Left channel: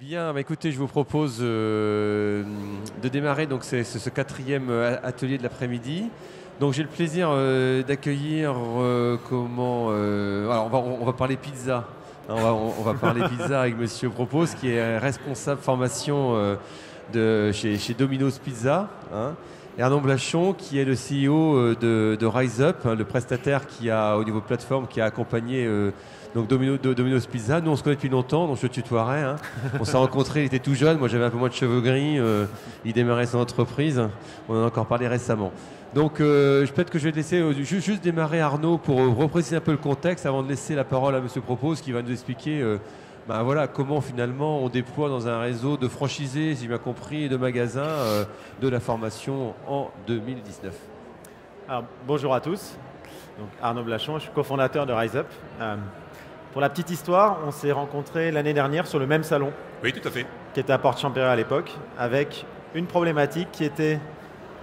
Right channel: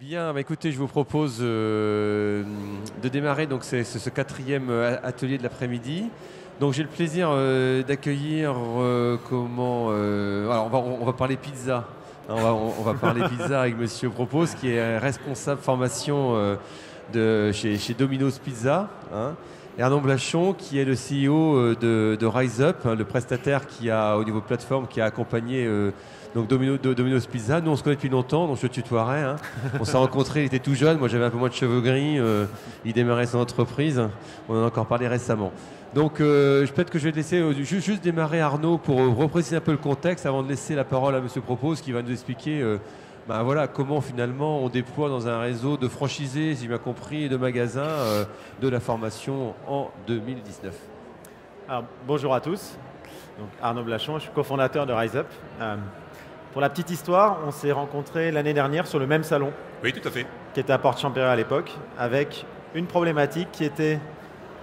Bien, bah écoutez, je vous propose de démarrer donc ce quatrième atelier de l'après-midi. Donc j'ai le plaisir d'accueillir alors, on va parler pizza. On va parler pizza avec Monsieur Propose, qui est responsable formation chez Domino's Pizza, hein, et Arnaud Blachon, qui est le CEO de Rise Up, hein, le prestataire qui a au niveau plateforme qui a accompagné donc Domino's Pizza. Nous on se connaît depuis longtemps, donc je le tutoierai, hein. On s'est rencontrés, il était tout jeune, moi j'avais un peu moins de cheveux gris, il démarrait son entreprise, on en a encore parlé récemment. Donc peut-être que je vais te laisser juste démarrer Arnaud pour repréciser un peu le contexte avant de laisser la parole à Monsieur Propose qui va nous expliquer voilà, comment finalement on déploie dans un réseau de franchisés, si j'ai bien compris, et de magasins de la formation en 2019. Alors, bonjour à tous, donc Arnaud Blachon, je suis cofondateur de Rise Up. Pour la petite histoire, on s'est rencontrés l'année dernière sur le même salon. Oui, tout à fait. Qui était à Porte-Champéry à l'époque, avec une problématique qui était:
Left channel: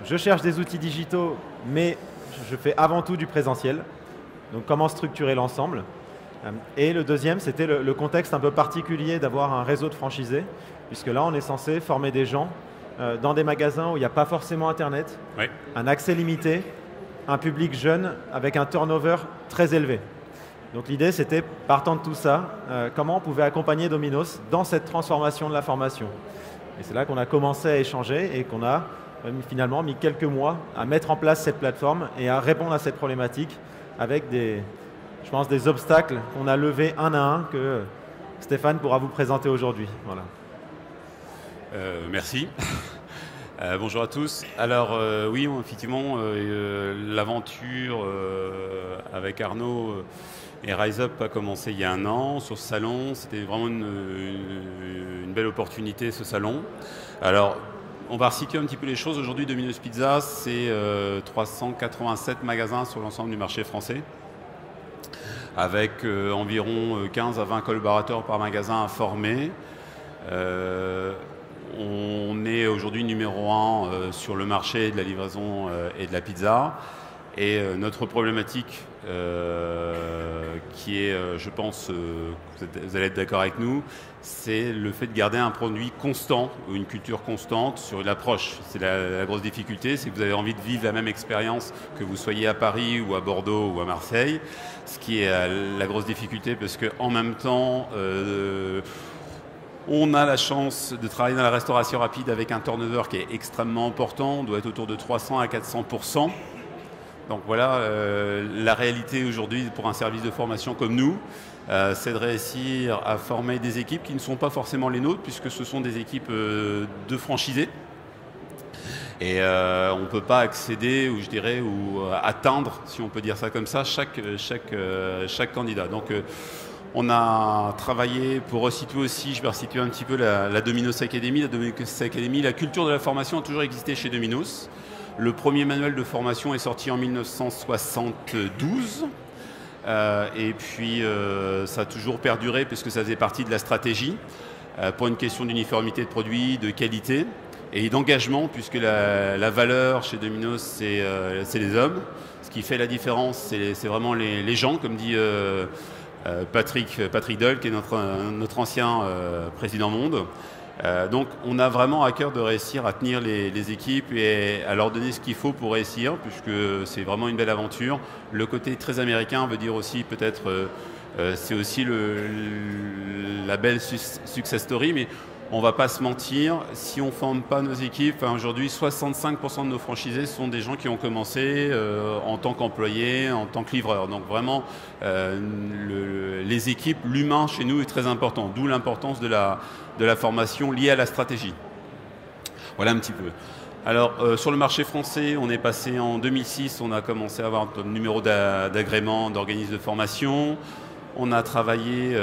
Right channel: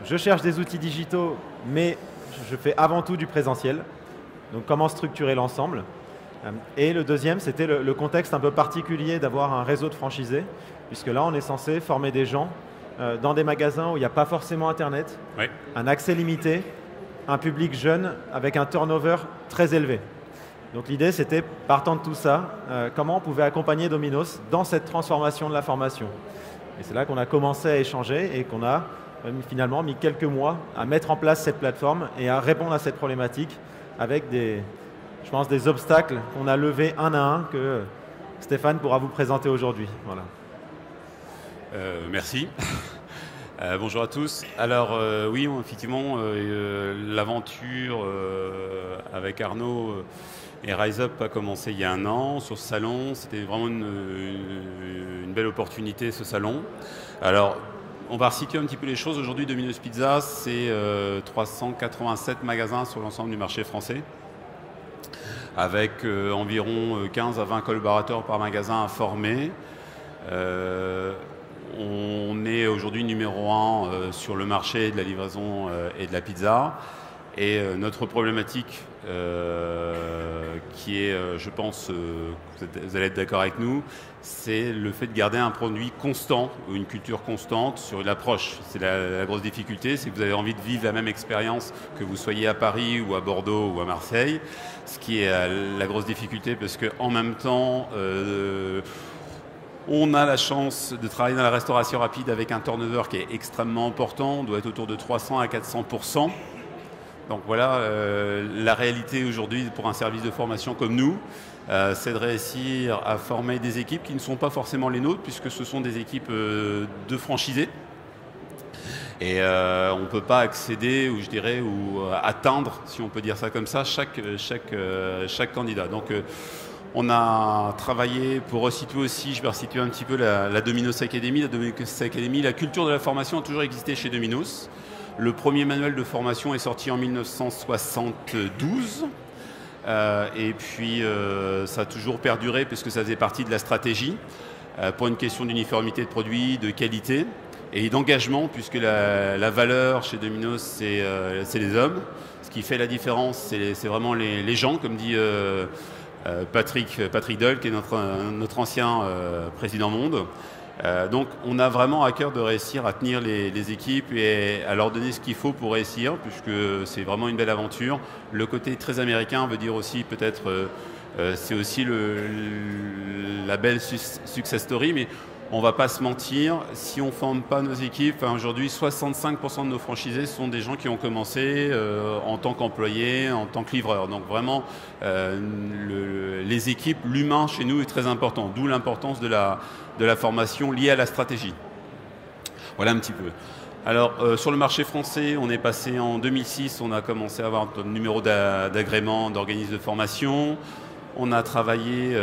je cherche des outils digitaux, mais je fais avant tout du présentiel. Donc comment structurer l'ensemble? Et le deuxième, c'était le contexte un peu particulier d'avoir un réseau de franchisés, puisque là, on est censé former des gens dans des magasins où il n'y a pas forcément Internet, oui, un accès limité, un public jeune avec un turnover très élevé. Donc l'idée, c'était, partant de tout ça, comment on pouvait accompagner Domino's dans cette transformation de la formation. Et c'est là qu'on a commencé à échanger et qu'on a finalement mis quelques mois à mettre en place cette plateforme et à répondre à cette problématique avec je pense, des obstacles qu'on a levés un à un que Stéphane pourra vous présenter aujourd'hui. Voilà. Merci. Bonjour à tous. Alors oui, effectivement, l'aventure avec Arnaud et Rise Up a commencé il y a un an sur ce salon. C'était vraiment une belle opportunité, ce salon. Alors, on va resituer un petit peu les choses. Aujourd'hui, Domino's Pizza, c'est 387 magasins sur l'ensemble du marché français, avec environ 15 à 20 collaborateurs par magasin à former. On est aujourd'hui numéro 1 sur le marché de la livraison et de la pizza. Et notre problématique, qui est, je pense, vous allez être d'accord avec nous, c'est le fait de garder un produit constant ou une culture constante sur l'approche. C'est la grosse difficulté, c'est que vous avez envie de vivre la même expérience que vous soyez à Paris ou à Bordeaux ou à Marseille, ce qui est la grosse difficulté parce qu'en même temps, on a la chance de travailler dans la restauration rapide avec un turnover qui est extrêmement important, on doit être autour de 300 à 400%. Donc voilà, la réalité aujourd'hui pour un service de formation comme nous, c'est de réussir à former des équipes qui ne sont pas forcément les nôtres, puisque ce sont des équipes de franchisés. Et on ne peut pas accéder, ou je dirais, ou atteindre, si on peut dire ça comme ça, chaque candidat. Donc on a travaillé pour resituer aussi, je vais resituer un petit peu la Domino's Academy. La Domino's Academy, la culture de la formation a toujours existé chez Domino's. Le premier manuel de formation est sorti en 1972 et puis ça a toujours perduré puisque ça faisait partie de la stratégie pour une question d'uniformité de produits, de qualité et d'engagement, puisque la valeur chez Domino's, c'est les hommes. Ce qui fait la différence, c'est vraiment les gens, comme dit Patrick Doll, qui est notre ancien président monde. Donc on a vraiment à cœur de réussir à tenir les équipes et à leur donner ce qu'il faut pour réussir, puisque c'est vraiment une belle aventure. Le côté très américain veut dire aussi peut-être, c'est aussi la belle success story, mais on va pas se mentir, si on ne forme pas nos équipes, aujourd'hui 65% de nos franchisés sont des gens qui ont commencé en tant qu'employés, en tant que livreurs. Donc vraiment, les équipes, l'humain chez nous est très important, d'où l'importance de la formation liée à la stratégie. Voilà un petit peu. Alors sur le marché français, on est passé en 2006, on a commencé à avoir un numéro d'agrément d'organisme de formation. On a travaillé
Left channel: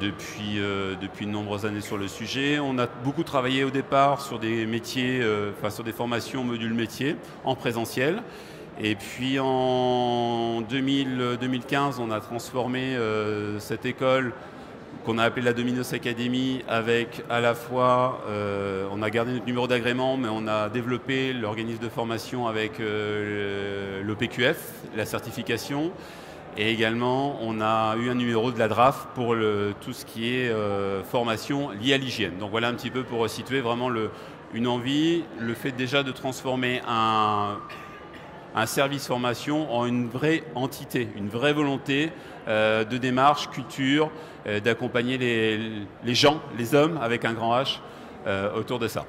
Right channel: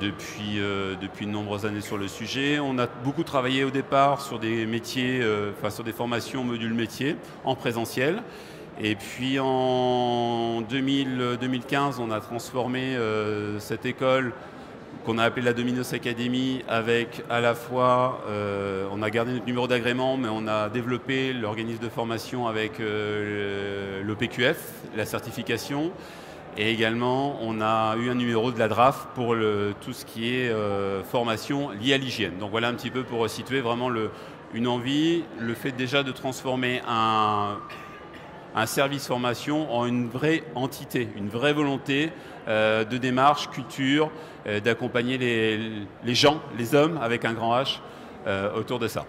depuis de nombreuses années sur le sujet. On a beaucoup travaillé au départ sur des métiers, sur des formations module métier en présentiel. Et puis en 2015, on a transformé cette école qu'on a appelée la Domino's Academy avec à la fois, on a gardé notre numéro d'agrément, mais on a développé l'organisme de formation avec l'OPQF, la certification. Et également, on a eu un numéro de la DRAF pour tout ce qui est formation liée à l'hygiène. Donc voilà un petit peu pour situer vraiment une envie, le fait déjà de transformer un service formation en une vraie entité, une vraie volonté de démarche, culture, d'accompagner les gens, les hommes avec un grand H autour de ça.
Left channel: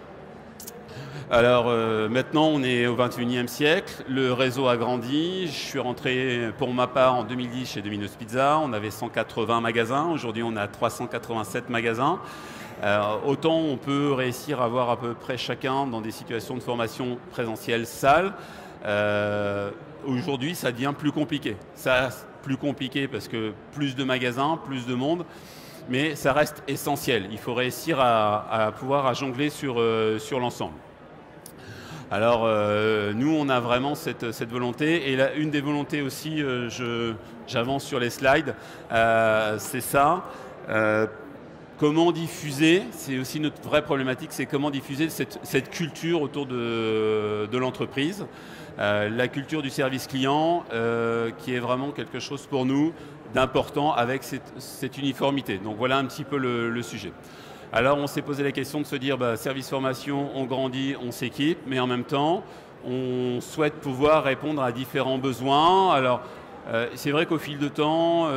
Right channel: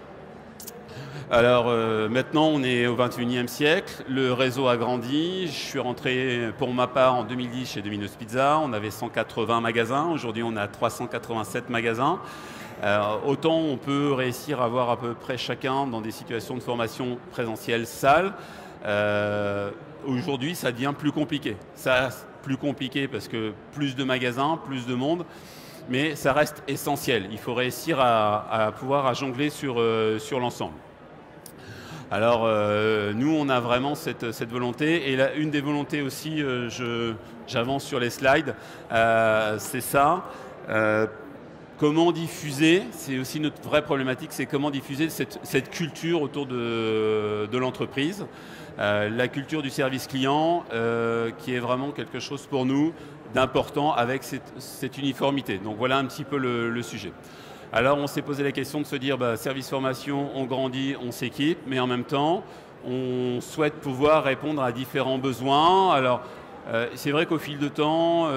Alors maintenant on est au 21e siècle, le réseau a grandi, je suis rentré pour ma part en 2010 chez Domino's Pizza, on avait 180 magasins, aujourd'hui on a 387 magasins. Autant on peut réussir à avoir à peu près chacun dans des situations de formation présentielle salle, aujourd'hui ça devient plus compliqué. Ça plus compliqué parce que plus de magasins, plus de monde, mais ça reste essentiel. Il faut réussir à pouvoir jongler sur l'ensemble. Alors nous on a vraiment cette volonté, et là, une des volontés aussi, j'avance sur les slides, c'est ça. Comment diffuser, c'est aussi notre vraie problématique, c'est comment diffuser cette culture autour de l'entreprise, la culture du service client, qui est vraiment quelque chose pour nous d'important avec cette uniformité. Donc voilà un petit peu le sujet. Alors on s'est posé la question de se dire, service formation, on grandit, on s'équipe, mais en même temps, on souhaite pouvoir répondre à différents besoins. Alors c'est vrai qu'au fil de temps,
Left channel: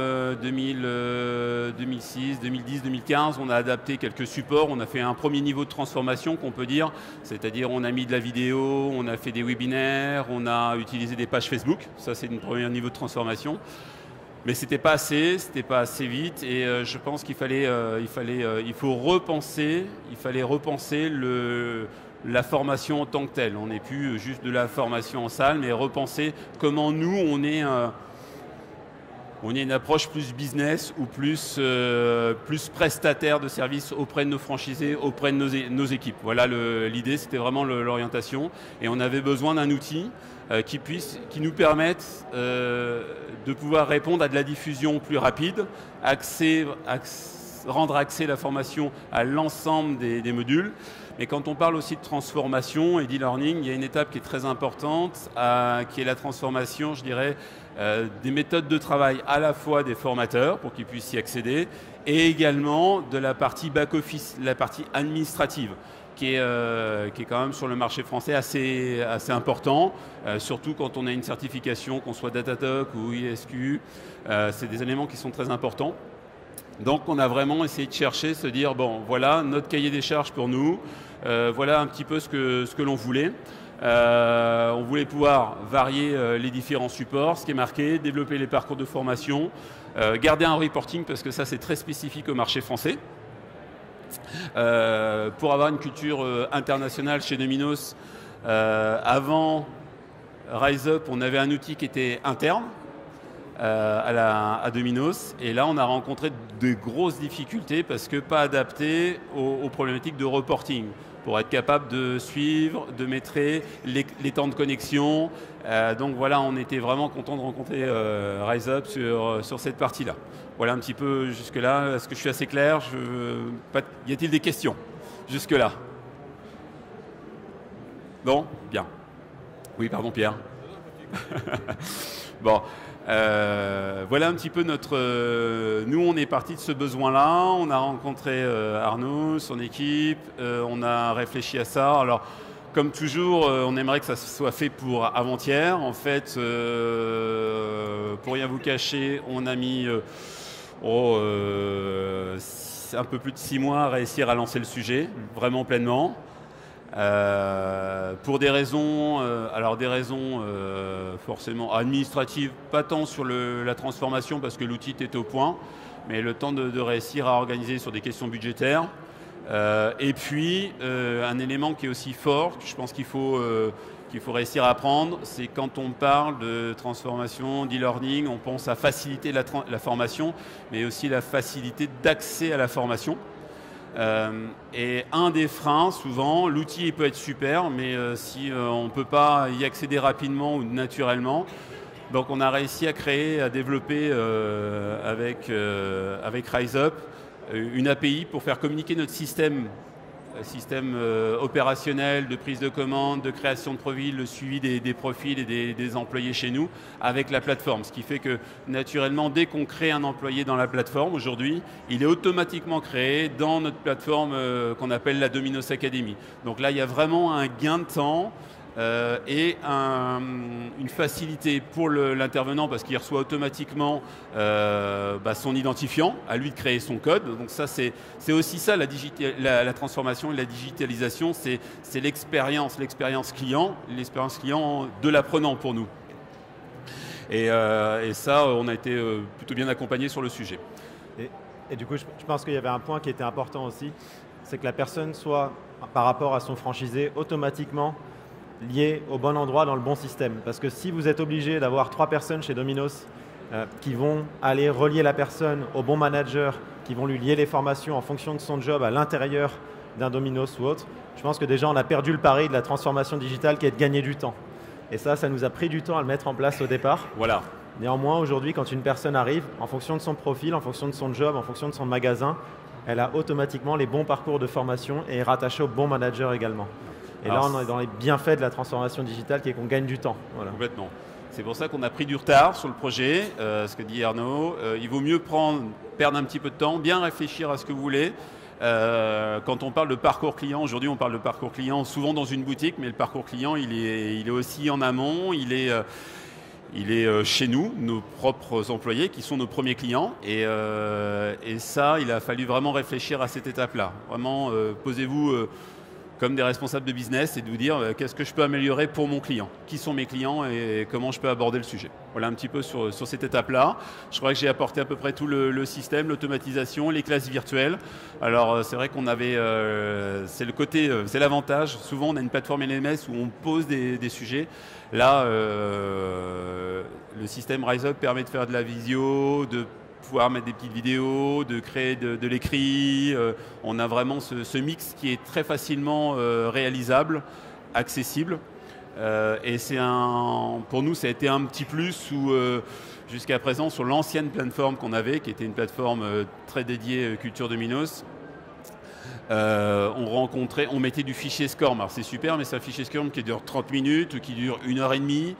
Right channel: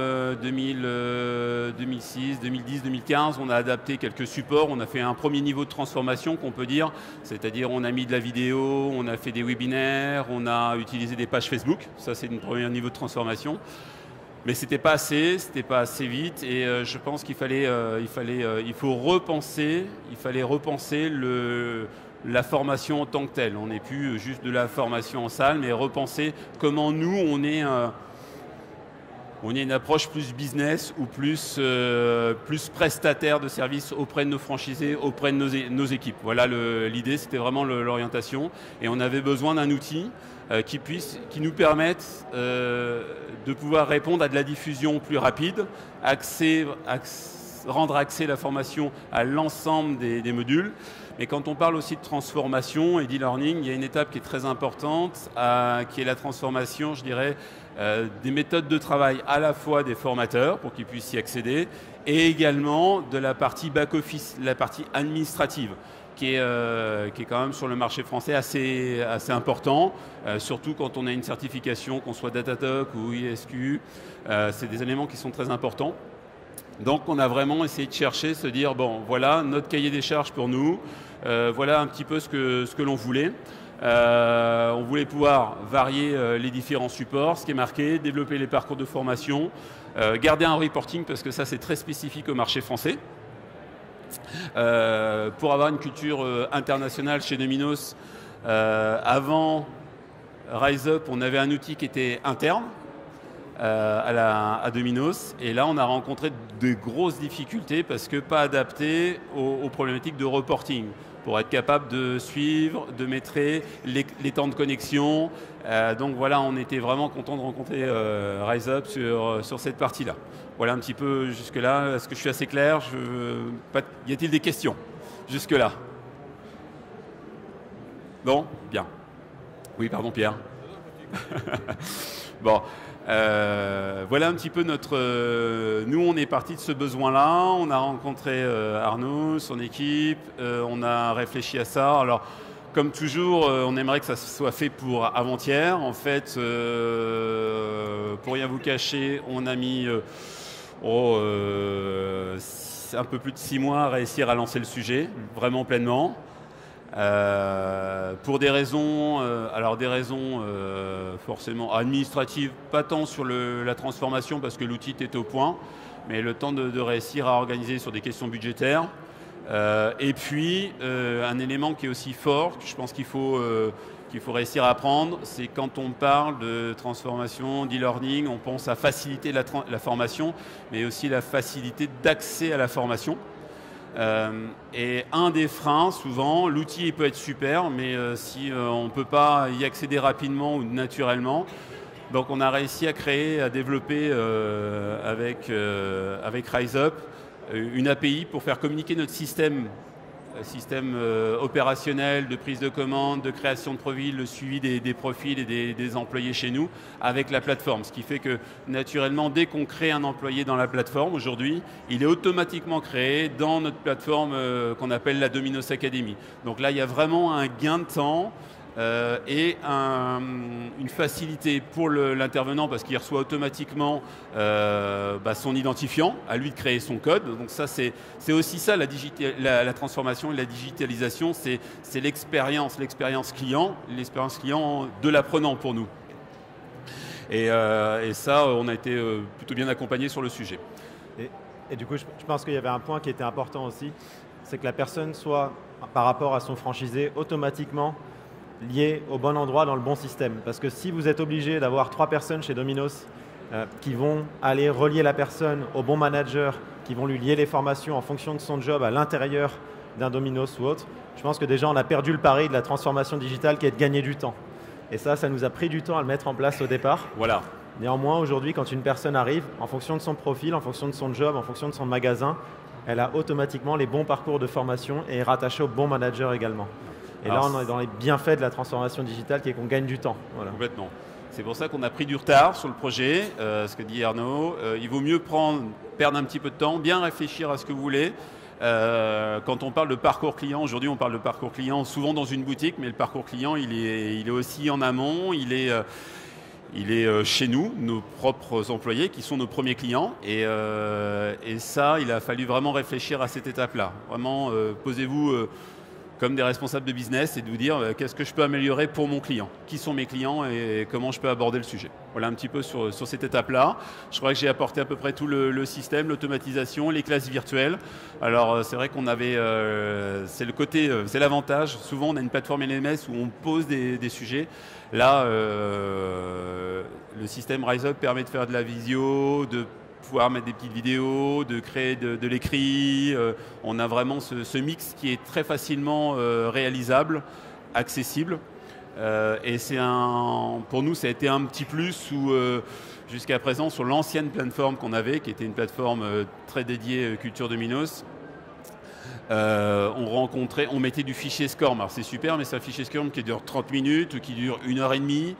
2006, 2010, 2015, on a adapté quelques supports, on a fait un premier niveau de transformation qu'on peut dire, c'est-à-dire on a mis de la vidéo, on a fait des webinaires, on a utilisé des pages Facebook, ça c'est un premier niveau de transformation. Mais c'était pas assez vite, et je pense il faut repenser la formation en tant que telle. On n'est plus juste de la formation en salle, mais repenser comment nous on est une approche plus business ou plus prestataire de services auprès de nos franchisés, auprès de nos équipes. Voilà l'idée, c'était vraiment l'orientation, et on avait besoin d'un outil qui nous permette de pouvoir répondre à de la diffusion plus rapide, rendre accès la formation à l'ensemble des modules. Mais quand on parle aussi de transformation et d'e-learning, il y a une étape qui est très importante, qui est la transformation, je dirais, des méthodes de travail à la fois des formateurs pour qu'ils puissent y accéder, et également de la partie back-office, la partie administrative, qui est quand même sur le marché français assez important, surtout quand on a une certification, qu'on soit Datadog ou ISQ, c'est des éléments qui sont très importants. Donc on a vraiment essayé de chercher, se dire, bon voilà notre cahier des charges pour nous, voilà un petit peu ce que l'on voulait. On voulait pouvoir varier les différents supports, ce qui est marqué, développer les parcours de formation, garder un reporting parce que ça c'est très spécifique au marché français. Pour avoir une culture internationale chez Domino's, avant Rise Up, on avait un outil qui était interne à Domino's, et là on a rencontré de grosses difficultés parce que pas adapté aux problématiques de reporting pour être capable de suivre, de mettre les temps de connexion. Donc voilà, on était vraiment content de rencontrer Rise Up sur cette partie-là. Voilà un petit peu jusque-là. Est-ce que je suis assez clair? Y a-t-il des questions jusque-là? Non? Bien. Oui, pardon Pierre. Bon. Voilà un petit peu nous on est parti de ce besoin-là, on a rencontré Arnaud, son équipe, on a réfléchi à ça. Alors comme toujours, on aimerait que ça soit fait pour avant-hier. En fait, pour rien vous cacher, on a mis un peu plus de 6 mois à réussir à lancer le sujet, vraiment pleinement. Pour des raisons, forcément administratives, pas tant sur la transformation parce que l'outil était au point, mais le temps de réussir à organiser sur des questions budgétaires. Et puis, un élément qui est aussi fort, que je pense qu'il faut réussir à apprendre, c'est quand on parle de transformation, d'e-learning, on pense à faciliter la formation, mais aussi la facilité d'accès à la formation. Et un des freins, souvent, l'outil peut être super, mais si on ne peut pas y accéder rapidement ou naturellement, donc on a réussi à développer avec Rise Up une API pour faire communiquer notre système système opérationnel de prise de commande, de création de profils, le suivi des profils et des employés chez nous avec la plateforme. Ce qui fait que naturellement, dès qu'on crée un employé dans la plateforme aujourd'hui, il est automatiquement créé dans notre plateforme qu'on appelle la Dominos Academy. Donc là, il y a vraiment un gain de temps et une facilité pour l'intervenant parce qu'il reçoit automatiquement son identifiant, à lui de créer son code. Donc ça, c'est aussi ça la transformation et la digitalisation, c'est l'expérience client de l'apprenant pour nous. Et ça, on a été plutôt bien accompagné sur le sujet. Et du coup, je pense qu'il y avait un point qui était important aussi, c'est que la personne soit, par rapport à son franchisé, automatiquement lié au bon endroit dans le bon système. Parce que si vous êtes obligé d'avoir 3 personnes chez Domino's qui vont aller relier la personne au bon manager, qui vont lui lier les formations en fonction de son job à l'intérieur d'un Domino's ou autre, je pense que déjà on a perdu le pari de la transformation digitale qui est de gagner du temps. Et ça nous a pris du temps à le mettre en place au départ. Voilà. Néanmoins, aujourd'hui, quand une personne arrive, en fonction de son profil, en fonction de son job, en fonction de son magasin, elle a automatiquement les bons parcours de formation et est rattachée au bon manager également. Et là, on est dans les bienfaits de la transformation digitale qui est qu'on gagne du temps. Voilà. Complètement. C'est pour ça qu'on a pris du retard sur le projet, ce que dit Arnaud. Il vaut mieux perdre un petit peu de temps, bien réfléchir à ce que vous voulez. Quand on parle de parcours client, aujourd'hui on parle de parcours client souvent dans une boutique, mais le parcours client il est aussi en amont, il est chez nous, nos propres employés qui sont nos premiers clients et ça il a fallu vraiment réfléchir à cette étape-là. Vraiment posez-vous comme des responsables de business et de vous dire qu'est-ce que je peux améliorer pour mon client, qui sont mes clients et comment je peux aborder le sujet. Voilà un petit peu sur cette étape-là. Je crois que j'ai apporté à peu près tout le système, l'automatisation, les classes virtuelles. Alors c'est vrai qu'on avait, c'est l'avantage. Souvent on a une plateforme LMS où on pose des sujets. Là, le système RiseUp permet de faire de la visio, de pouvoir mettre des petites vidéos, de créer de l'écrit. On a vraiment ce mix qui est très facilement réalisable, accessible. Et pour nous, ça a été un petit plus où jusqu'à présent, sur l'ancienne plateforme qu'on avait, qui était une plateforme très dédiée Culture Domino's, on mettait du fichier SCORM. Alors c'est super, mais c'est un fichier SCORM qui dure 30 minutes ou qui dure 1h30.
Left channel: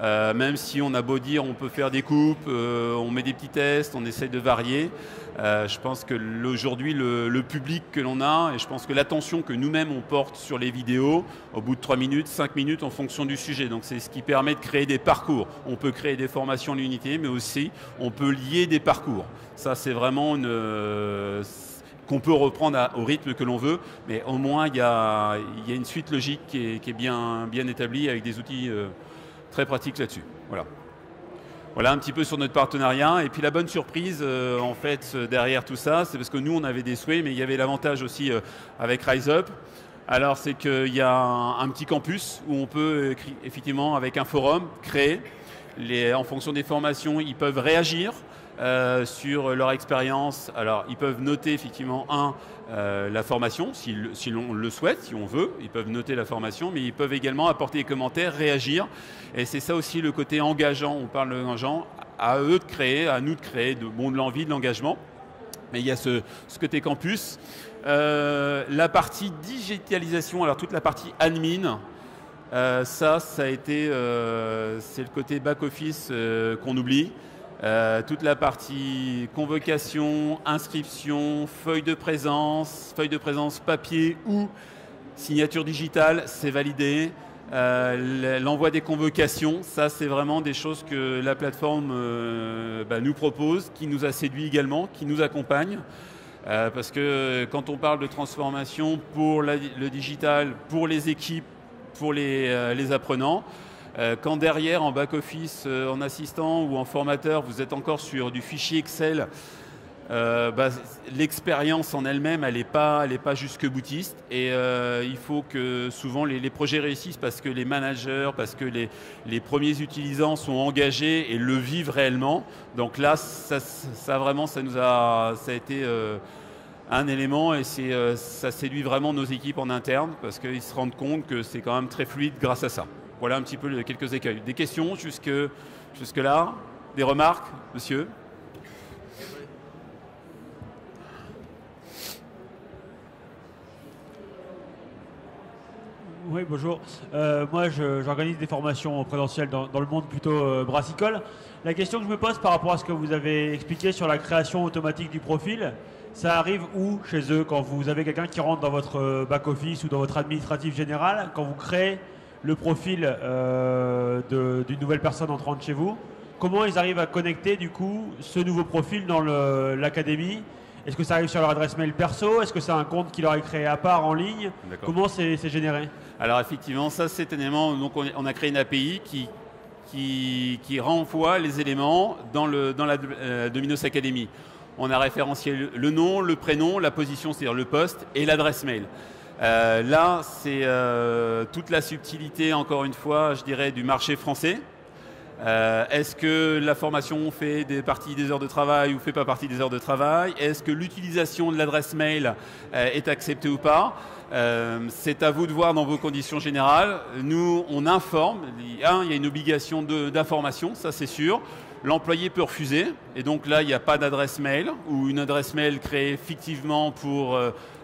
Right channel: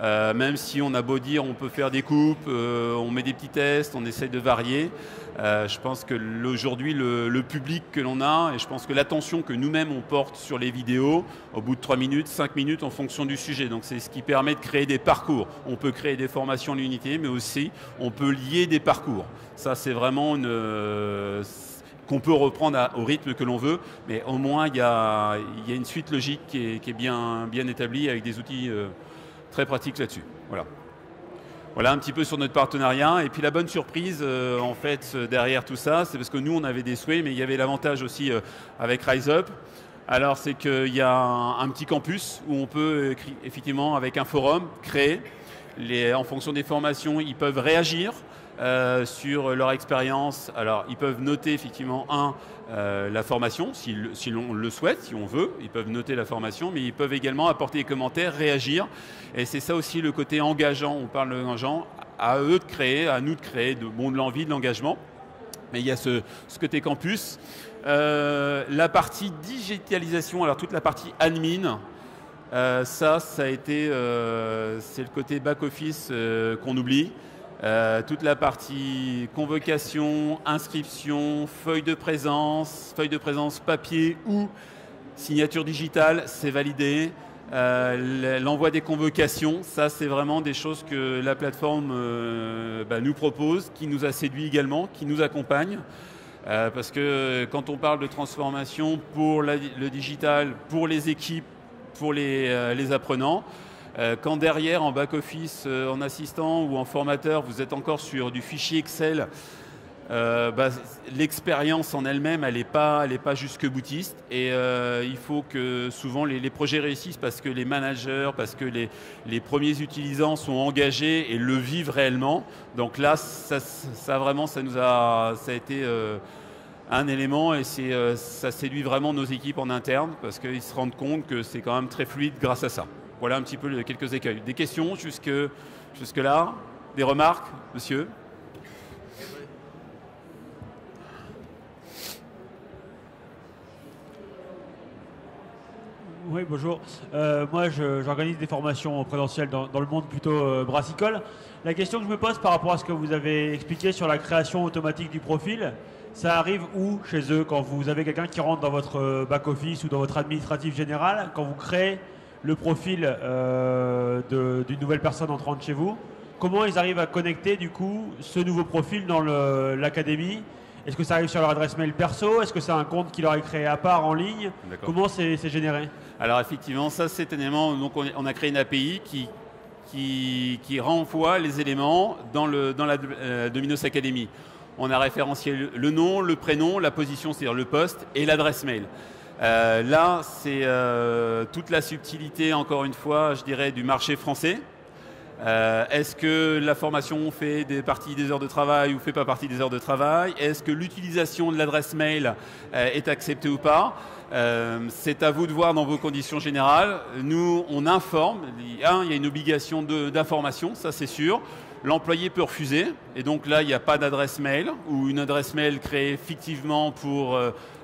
Même si on a beau dire on peut faire des coupes, on met des petits tests, on essaie de varier. Je pense que aujourd'hui le public que l'on a, et je pense que l'attention que nous-mêmes on porte sur les vidéos, au bout de 3 minutes, 5 minutes en fonction du sujet. Donc c'est ce qui permet de créer des parcours. On peut créer des formations en unité, mais aussi on peut lier des parcours. Ça c'est vraiment qu'on peut reprendre au rythme que l'on veut, mais au moins il y a une suite logique qui est bien établie avec des outils très pratique là-dessus. Voilà un petit peu sur notre partenariat. Et puis la bonne surprise, en fait, derrière tout ça, c'est parce que nous, on avait des souhaits, mais il y avait l'avantage aussi avec RiseUp. Alors, c'est qu'il y a un petit campus où on peut, effectivement, avec un forum, créer. En fonction des formations, ils peuvent réagir sur leur expérience. Alors, ils peuvent noter, effectivement, la formation, si l'on le souhaite, si on veut. Ils peuvent noter la formation, mais ils peuvent également apporter des commentaires, réagir. Et c'est ça aussi le côté engageant. On parle d'engageant, à eux de créer, à nous de créer de l'envie, de l'engagement. Mais il y a ce côté campus. La partie digitalisation, alors toute la partie admin, ça a été, c'est le côté back-office qu'on oublie. Toute la partie convocation, inscription, feuille de présence papier ou signature digitale, c'est validé. L'envoi des convocations, ça c'est vraiment des choses que la plateforme nous propose, qui nous a séduit également, qui nous accompagne. Parce que quand on parle de transformation pour le digital, pour les équipes, pour les apprenants, quand derrière, en back-office, en assistant ou en formateur, vous êtes encore sur du fichier Excel, l'expérience en elle-même, elle n'est pas jusque boutiste. Et il faut que souvent les projets réussissent parce que les managers, parce que les premiers utilisants sont engagés et le vivent réellement. Donc là, ça a été un élément et ça séduit vraiment nos équipes en interne parce qu'ils se rendent compte que c'est quand même très fluide grâce à ça. Voilà un petit peu quelques écueils. Des questions jusque-là? Des remarques, monsieur? Oui, bonjour. Moi, j'organise des formations présentielles dans le monde plutôt brassicole. La question que je me pose par rapport à ce que vous avez expliqué sur la création automatique du profil, ça arrive où chez eux quand vous avez quelqu'un qui rentre dans votre back-office ou dans votre administratif général, quand vous créez le profil d'une nouvelle personne entrant chez vous, comment ils arrivent à connecter du coup ce nouveau profil dans l'académie? Est-ce que ça arrive sur leur adresse mail perso? Est-ce que c'est un compte qui leur est créé à part en ligne? Comment c'est généré? Alors effectivement, ça c'est un élément, donc on a créé une API qui renvoie les éléments dans la Dominos Academy. On a référencié le nom, le prénom, la position, c'est-à-dire le poste, et l'adresse mail. Là, c'est toute la subtilité, encore une fois, je dirais, du marché français. Est-ce que la formation fait partie des heures de travail ou fait pas partie des heures de travail? Est-ce que l'utilisation de l'adresse mail est acceptée ou pas? C'est à vous de voir dans vos conditions générales. Nous, on informe. Il y a une obligation d'information, ça c'est sûr. L'employé peut refuser. Et donc là, il n'y a pas d'adresse mail ou une adresse mail créée fictivement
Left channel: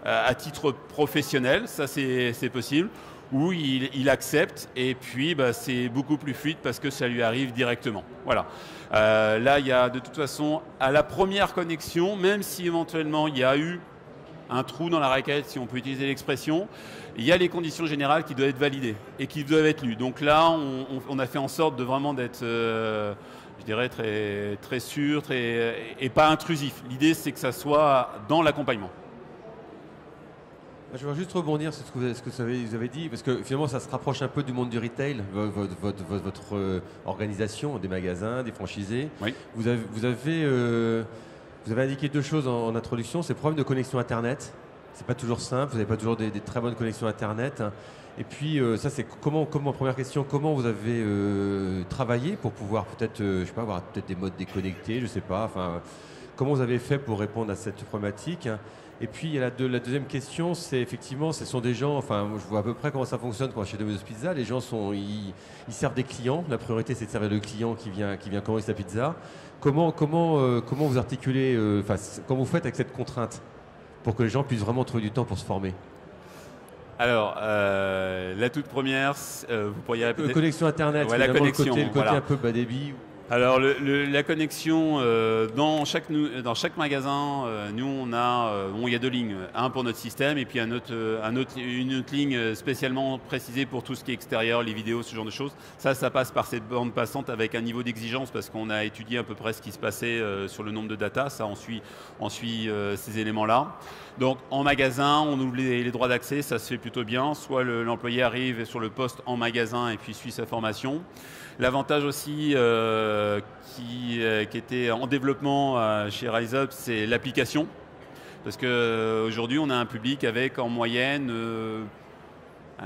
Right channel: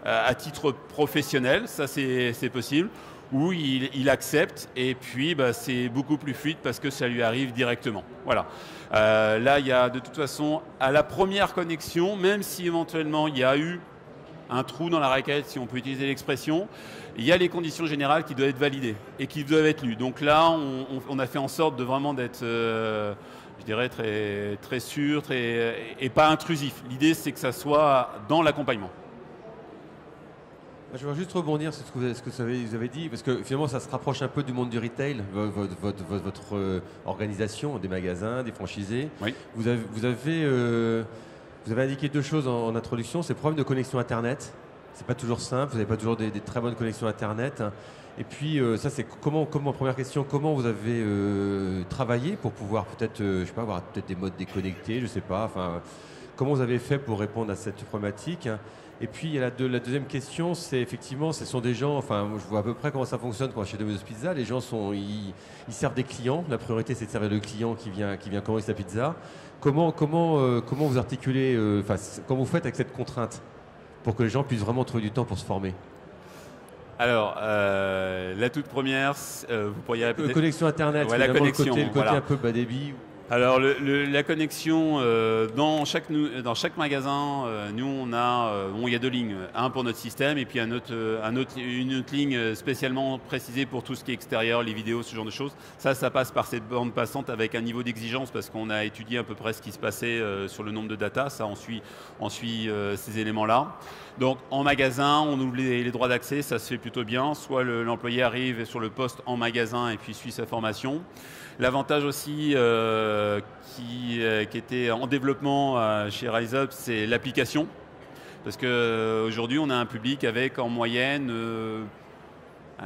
à titre professionnel. Ça, c'est possible. Où il accepte et puis c'est beaucoup plus fluide parce que ça lui arrive directement. Voilà. Là, il y a de toute façon, à la première connexion, même si éventuellement il y a eu un trou dans la raquette, si on peut utiliser l'expression, il y a les conditions générales qui doivent être validées et qui doivent être lues. Donc là, on a fait en sorte de vraiment d'être, je dirais, très, très sûr et pas intrusif. L'idée, c'est que ça soit dans l'accompagnement. Je voudrais juste rebondir sur ce que vous avez dit, parce que finalement ça se rapproche un peu du monde du retail, votre organisation, des magasins, des franchisés. Oui. Vous avez indiqué deux choses en introduction, c'est le problème de connexion Internet. C'est pas toujours simple, vous n'avez pas toujours des très bonnes connexions Internet. Et puis ça c'est première question, comment vous avez travaillé pour pouvoir peut-être, je sais pas, avoir peut-être des modes déconnectés, je sais pas, enfin, comment vous avez fait pour répondre à cette problématique? Et puis, il y a la deuxième question, c'est effectivement, ce sont des gens, enfin, je vois à peu près comment ça fonctionne quand chez Domino's Pizza. Les gens ils servent des clients. La priorité, c'est de servir le client qui vient commander sa pizza. Comment vous articulez, comment vous faites avec cette contrainte pour que les gens puissent vraiment trouver du temps pour se former? Alors, la toute première, vous pourriez répéter. Connexion Internet, ouais, le côté voilà. Un peu bas débit. Alors la connexion dans chaque magasin, nous on a il y a deux lignes, un pour notre système et puis une autre ligne spécialement précisée pour tout ce qui est extérieur, les vidéos, ce genre de choses. Ça passe par cette bande passante avec un niveau d'exigence parce qu'on a étudié à peu près ce qui se passait sur le nombre de data. Ça on suit ces éléments-là. Donc en magasin, on ouvre les droits d'accès, ça se fait plutôt bien. Soit l'employé arrive sur le poste en magasin et puis suit sa formation. L'avantage aussi qui était en développement chez RiseUp, c'est l'application. Parce qu'aujourd'hui, on a un public avec en moyenne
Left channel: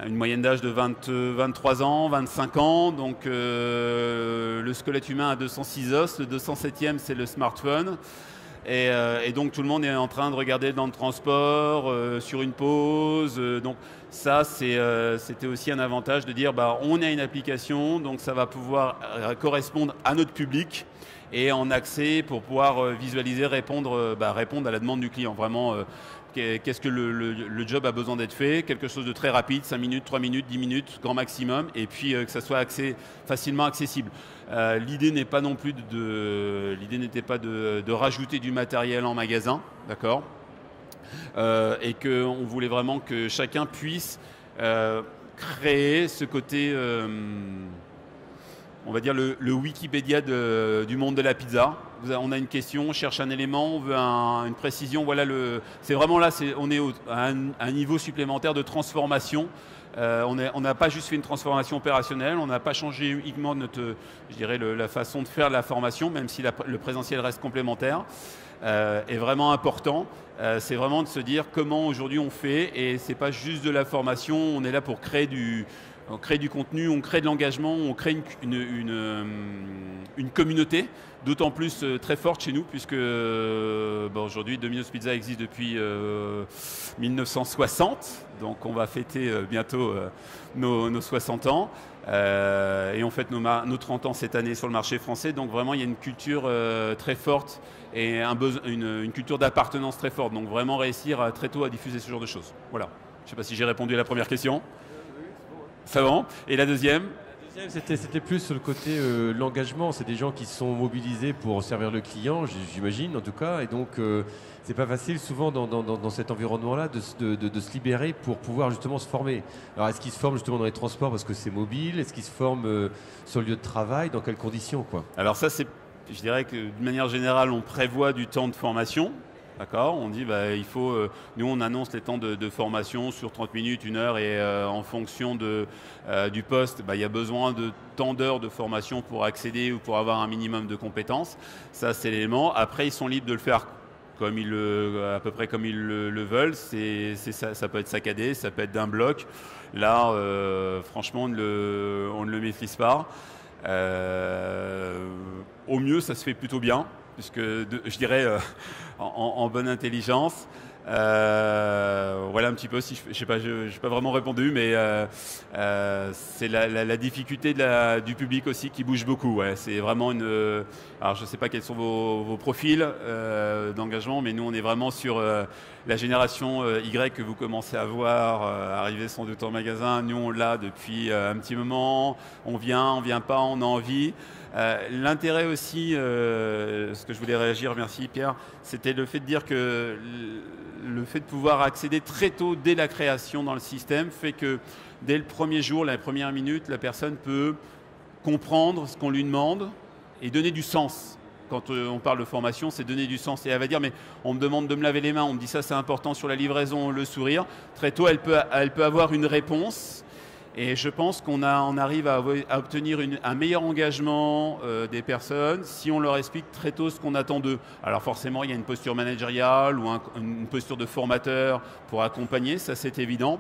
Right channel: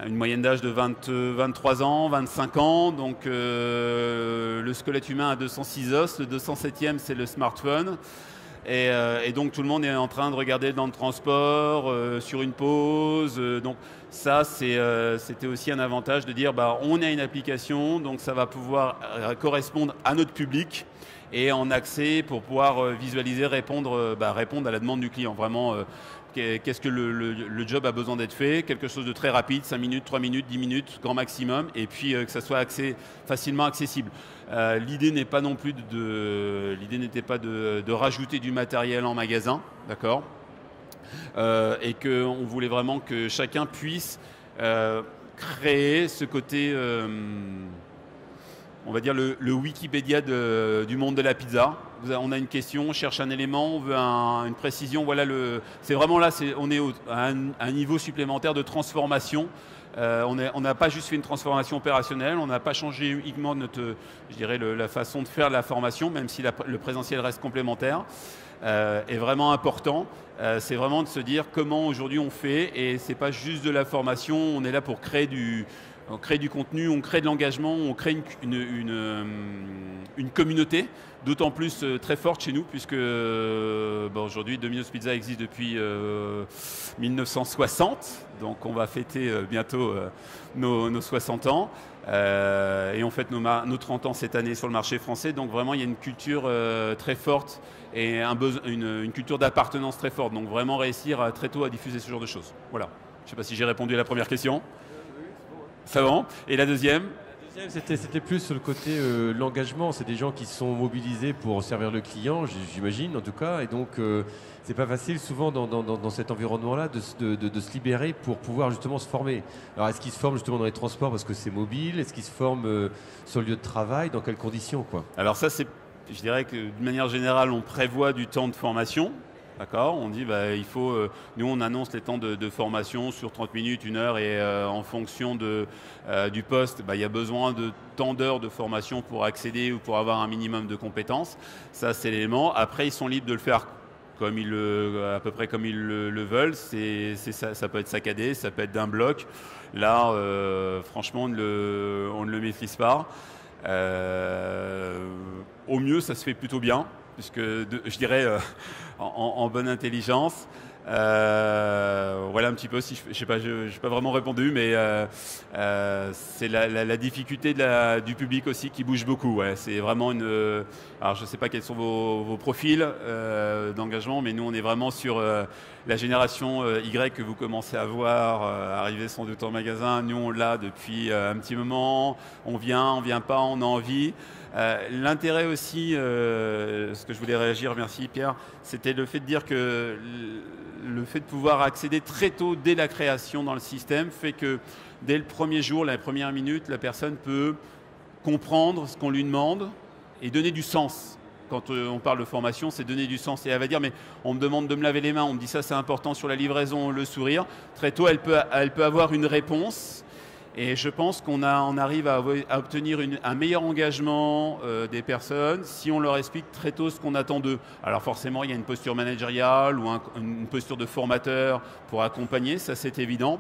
une moyenne d'âge de 23 ans, 25 ans. Donc le squelette humain a 206 os, le 207e c'est le smartphone. Et donc tout le monde est en train de regarder dans le transport, sur une pause. Donc ça, c'était aussi un avantage de dire on a une application, donc ça va pouvoir correspondre à notre public et en accès pour pouvoir visualiser, répondre à la demande du client. Vraiment, qu'est-ce que le job a besoin d'être fait, quelque chose de très rapide, 5 minutes, 3 minutes, 10 minutes, grand maximum, et puis que ça soit facilement accessible. L'idée n'est pas non plus de rajouter du matériel en magasin, d'accord, et qu'on voulait vraiment que chacun puisse créer ce côté, on va dire le Wikipédia du monde de la pizza. On a une question, on cherche un élément, on veut une précision. Voilà, c'est vraiment là, on est à un niveau supplémentaire de transformation. On n'a pas juste fait une transformation opérationnelle, on n'a pas changé uniquement la façon de faire la formation, même si le présentiel reste complémentaire. Est vraiment important. C'est vraiment de se dire comment aujourd'hui on fait, et c'est pas juste de la formation. On est là pour créer du contenu, on crée de l'engagement, on crée une communauté, d'autant plus très forte chez nous, puisque aujourd'hui Domino's Pizza existe depuis 1960, donc on va fêter bientôt nos 60 ans. Et on fête nos 30 ans cette année sur le marché français, donc vraiment il y a une culture très forte et une culture d'appartenance très forte, donc vraiment réussir très tôt à diffuser ce genre de choses. Voilà, je ne sais pas si j'ai répondu à la première question. Ça va. Et la deuxième? C'était plus sur le côté l'engagement. C'est des gens qui sont mobilisés pour servir le client, j'imagine en tout cas. Et donc, c'est pas facile souvent dans cet environnement-là de se libérer pour pouvoir justement se former. Alors, est-ce qu'ils se forment justement dans les transports parce que c'est mobile? Est-ce qu'ils se forment sur le lieu de travail? Dans quelles conditions, quoi? Alors ça, je dirais que de manière générale, on prévoit du temps de formation. D'accord, on dit il faut. Nous, on annonce les temps de formation sur 30 minutes, 1 heure, et en fonction du poste, il y a besoin de tant d'heures de formation pour accéder ou pour avoir un minimum de compétences. Ça, c'est l'élément. Après, ils sont libres de le faire à peu près comme ils le veulent. Ça peut être saccadé, ça peut être d'un bloc. Là, franchement, on ne le maîtrise pas. Au mieux, ça se fait plutôt bien, puisque je dirais en bonne intelligence. Voilà un petit peu, si je sais pas, j'ai pas vraiment répondu, mais c'est la difficulté du public aussi qui bouge beaucoup. Ouais. C'est vraiment alors je sais pas quels sont vos profils d'engagement, mais nous on est vraiment sur la génération Y que vous commencez à voir arriver sans doute en magasin. Nous on l'a depuis un petit moment. On vient pas, on a envie. L'intérêt aussi, ce que je voulais réagir, merci Pierre, c'était le fait de dire que le fait de pouvoir accéder très tôt dès la création dans le système fait que dès le premier jour, la première minute, la personne peut comprendre ce qu'on lui demande et donner du sens. Quand on parle de formation, c'est donner du sens. Et elle va dire, mais on me demande de me laver les mains, on me dit ça c'est important sur la livraison, le sourire. Très tôt, elle peut avoir une réponse. Et je pense qu'on arrive à obtenir un meilleur engagement des personnes si on leur explique très tôt ce qu'on attend d'eux. Alors forcément, il y a une posture managériale ou une posture de formateur pour accompagner, ça c'est évident.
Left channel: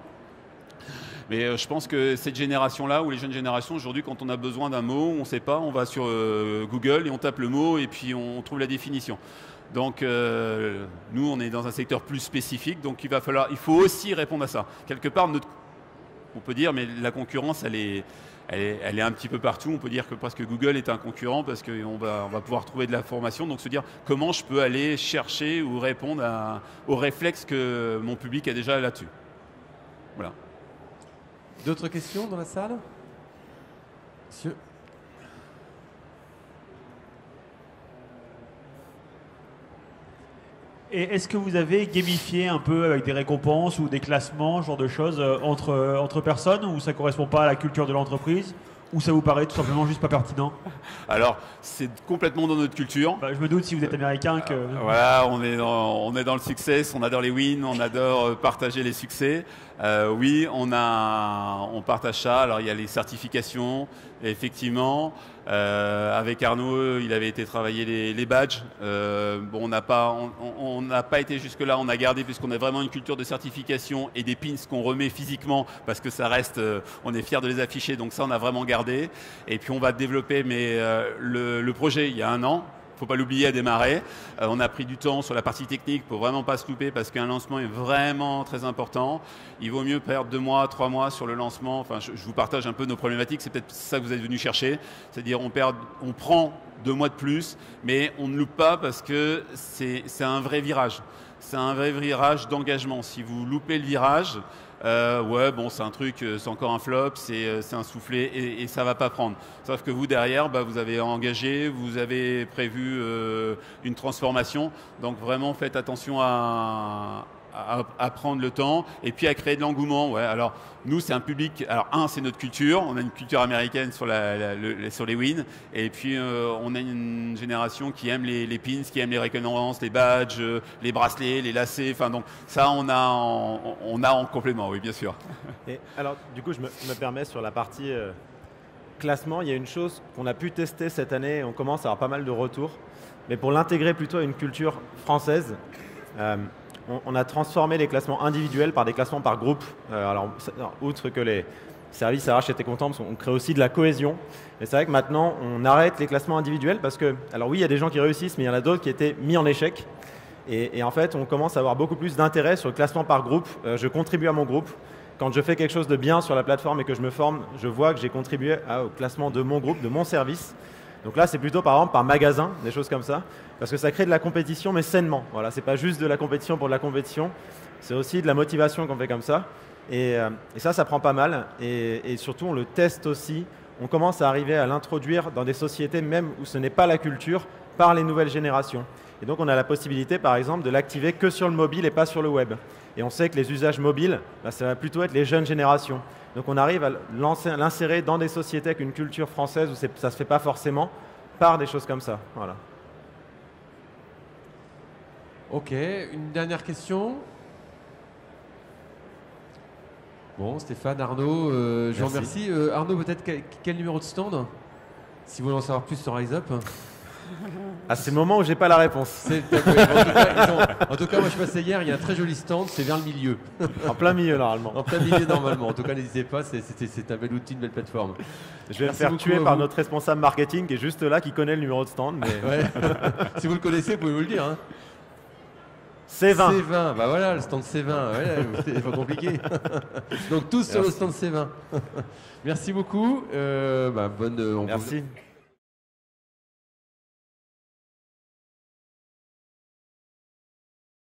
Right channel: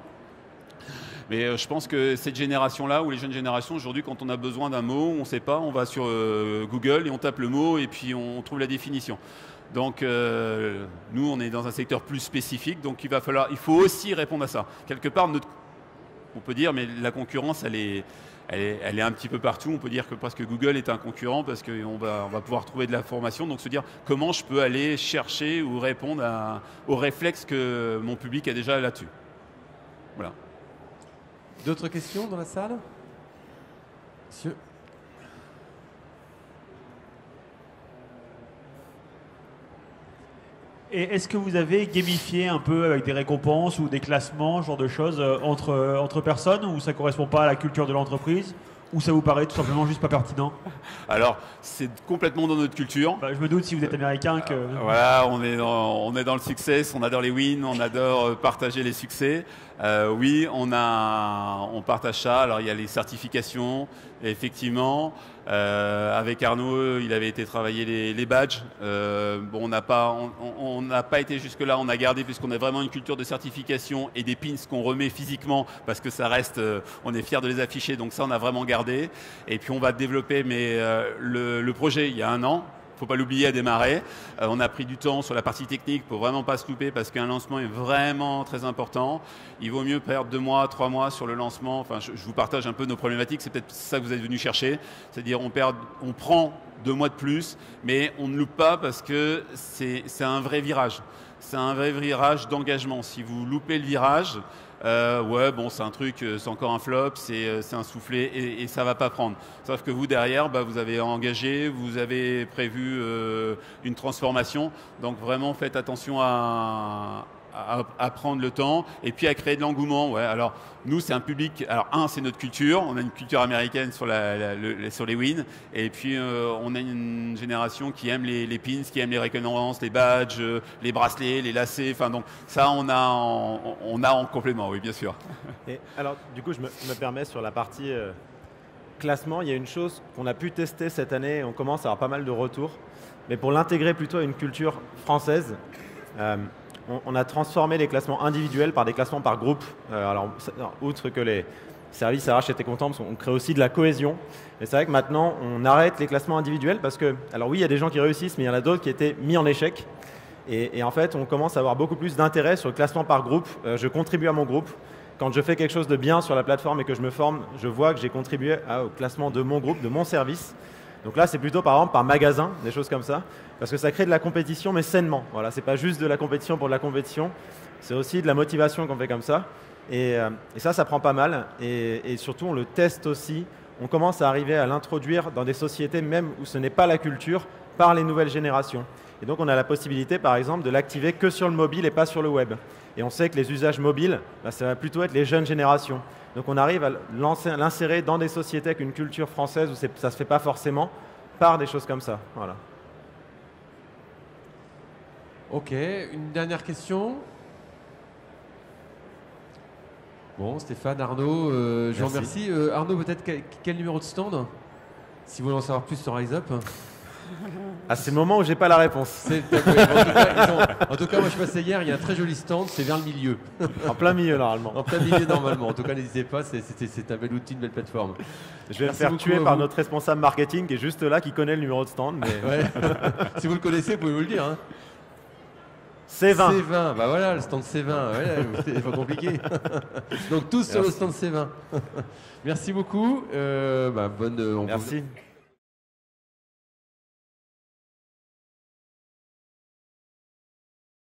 Mais je pense que cette génération-là, ou les jeunes générations, aujourd'hui, quand on a besoin d'un mot, on ne sait pas, on va sur Google et on tape le mot et puis on trouve la définition. Donc nous, on est dans un secteur plus spécifique, donc il faut aussi répondre à ça. Quelque part, on peut dire, mais la concurrence, elle est un petit peu partout. On peut dire que presque Google est un concurrent parce qu'on va pouvoir trouver de l'information. Donc se dire comment je peux aller chercher ou répondre aux réflexes que mon public a déjà là-dessus. Voilà. D'autres questions dans la salle? Monsieur? Et est-ce que vous avez gamifié un peu avec des récompenses ou des classements, ce genre de choses, entre personnes, ou ça ne correspond pas à la culture de l'entreprise, ou ça vous paraît tout simplement juste pas pertinent? Alors, c'est complètement dans notre culture. Je me doute si vous êtes américain que... Voilà, on est dans le success, on adore les wins, on adore partager les succès. Oui, on partage ça. Alors, il y a les certifications, effectivement. Avec Arnaud, il avait été travailler les badges. Bon, on n'a pas été jusque-là. On a gardé, puisqu'on a vraiment une culture de certification et des pins qu'on remet physiquement, parce que ça reste, on est fiers de les afficher. Donc ça, on a vraiment gardé. Et puis, on va développer, mais le projet, il y a 1 an. Il ne faut pas l'oublier, à démarrer. On a pris du temps sur la partie technique pour vraiment pas se louper, parce qu'un lancement est vraiment très important. Il vaut mieux perdre 2 mois, 3 mois sur le lancement. Enfin, je vous partage un peu nos problématiques. C'est peut-être ça que vous êtes venu chercher. C'est-à-dire on prend 2 mois de plus, mais on ne loupe pas parce que c'est un vrai virage. C'est un vrai virage d'engagement. Si vous loupez le virage, ouais, bon, c'est un truc, c'est encore un flop, c'est un soufflé et ça va pas prendre. Sauf que vous, derrière, vous avez engagé, vous avez prévu une transformation. Donc vraiment, faites attention à prendre le temps et puis à créer de l'engouement. Ouais. Alors, nous, c'est un public... Alors, c'est notre culture. On a une culture américaine sur les wins. Et puis, on a une génération qui aime les pins, qui aime les récompenses, les badges, les bracelets, les lacets. Enfin, donc, ça, on a en complément, oui, bien sûr. Et alors, du coup, je me permets sur la partie classement. Il y a une chose qu'on a pu tester cette année. On commence à avoir pas mal de retours. Mais pour l'intégrer plutôt à une culture française... on a transformé les classements individuels par des classements par groupe. Alors, outre que les services RH étaient contents, on crée aussi de la cohésion. Mais c'est vrai que maintenant, on arrête les classements individuels parce que, alors oui, il y a des gens qui réussissent, mais il y en a d'autres qui étaient mis en échec. Et en fait, on commence à avoir beaucoup plus d'intérêt sur le classement par groupe. Je contribue à mon groupe. Quand je fais quelque chose de bien sur la plateforme et que je me forme, je vois que j'ai contribué au classement de mon groupe, de mon service. Donc là, c'est plutôt par exemple par magasin, des choses comme ça, parce que ça crée de la compétition, mais sainement. Voilà, c'est pas juste de la compétition pour de la compétition, c'est aussi de la motivation qu'on fait comme ça. Et ça prend pas mal. Et surtout, on le teste aussi. On commence à arriver à l'introduire dans des sociétés même où ce n'est pas la culture, par les nouvelles générations. Et donc, on a la possibilité, par exemple, de l'activer que sur le mobile et pas sur le web. Et on sait que les usages mobiles, ça va plutôt être les jeunes générations. Donc, on arrive à l'insérer dans des sociétés avec une culture française où ça ne se fait pas forcément, par des choses comme ça. Voilà. Ok, une dernière question. Bon, Stéphane, Arnaud, je vous remercie. Arnaud, peut-être quel numéro de stand? Si vous voulez en savoir plus sur RiseUp. Ah, c'est le moment où j'ai pas la réponse. En tout cas, moi je passais hier, il y a un très joli stand, c'est vers le milieu. En plein milieu normalement. En plein milieu normalement. En tout cas, n'hésitez pas, c'est un bel outil, une belle plateforme. Je vais me faire tuer par notre responsable marketing qui est juste là, qui connaît le numéro de stand. Mais... Ouais. Si vous le connaissez, vous pouvez vous le dire. Hein. C20. C20, bah voilà, le stand C20, ouais, c'est pas compliqué. Donc tous sur le stand C20. Merci beaucoup. Bonne. Merci.